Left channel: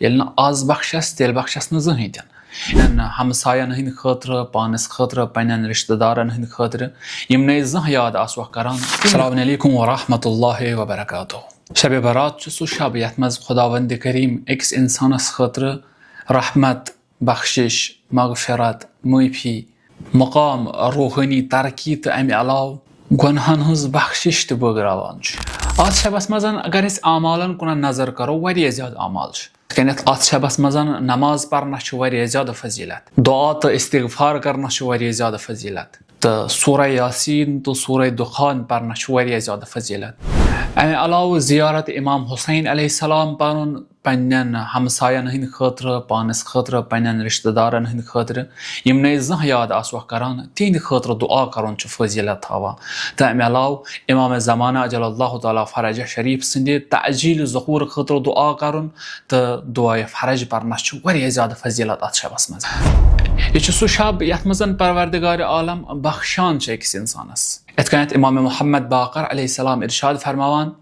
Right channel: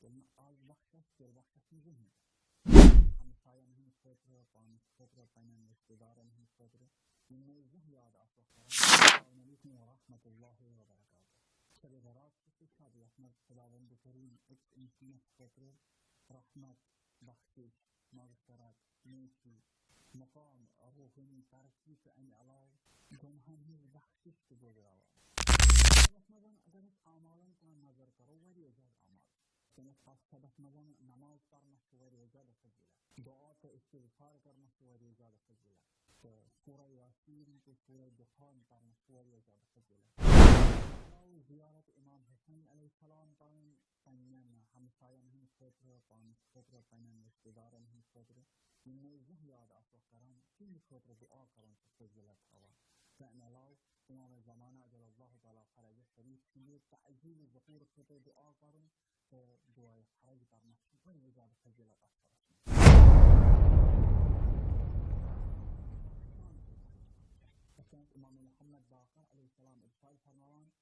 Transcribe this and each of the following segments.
येल्ले आज बख्शस तेल बख्शस न जहन तन हमसायन हंद खतर पानस खतर पन्न रिश्तेदारन हंद खतर यम न जह याद आसो करान। अस्सलामु अलैकुम व रहमतुल्लाहि व बरकातुहू। शब बरात सो शब यथ मज खुदावंद करीम अकिस इंसानस खतर रहमत बख्शिश मगफिरत माफी मकाम रूहानी तरक्की तो अमि अलाव गुनहन हज बख्शिश तो बगरावान। आज शबस मज अगर अमालन कुन नजर करो वारिया ज्यादा अमाल अत शबस मज नमाज पढ़ना वारिया ज्यादा फजीलत, दुआ तो इस्तिगफार करना वारिया ज्यादा फजीलत, तो सूरह यासीन तो सूरह दुखान पढ़ना वारिया ज्यादा फजीलत। अमे अलाव जियारत इमाम हुसैन अलैहिस्सलाम पढ़न पन्न हमसायन हंद खतर पानस खतर पन्न रिश्तेदारन हंद खतर यम न जह याद आसो करान तिहंद खतर दुआ करन फजीलत थवा। तो अमे अलाव इमाम ज़माना अजलल्लाहु ताला फरज शरीफ संद तअजील ज़हूर खतर दुआ करन तो दुआ फरज पढ़ना वारिया ज्यादा फजीलत अत शबस मज। यह सह शब यथ मज परवरदिगार आलम बख्शान अकिस इंसानस। यथ कन इमाम मोहम्मद बाकर अलैहिस्सलाम इरशाद फरमावान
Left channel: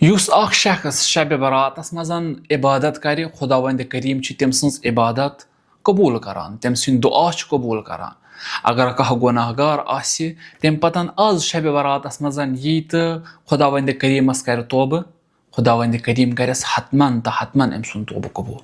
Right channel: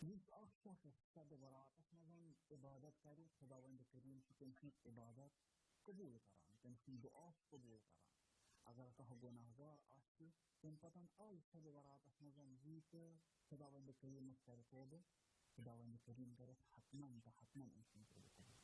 युस अख शख्स शब बरातस मज इबादत कर खुदावंद करीम तम सज इबादत कबूल करान, तम सद दुआ कबूल करान। अगर कह गुनाहगार आसि तम पतन आज शब बरातस मज यी तो खुदावंद करीमस कर तोबह, खुदावंद करीम करस हतमन तो हतमन अम सुंद तोबह कबूल।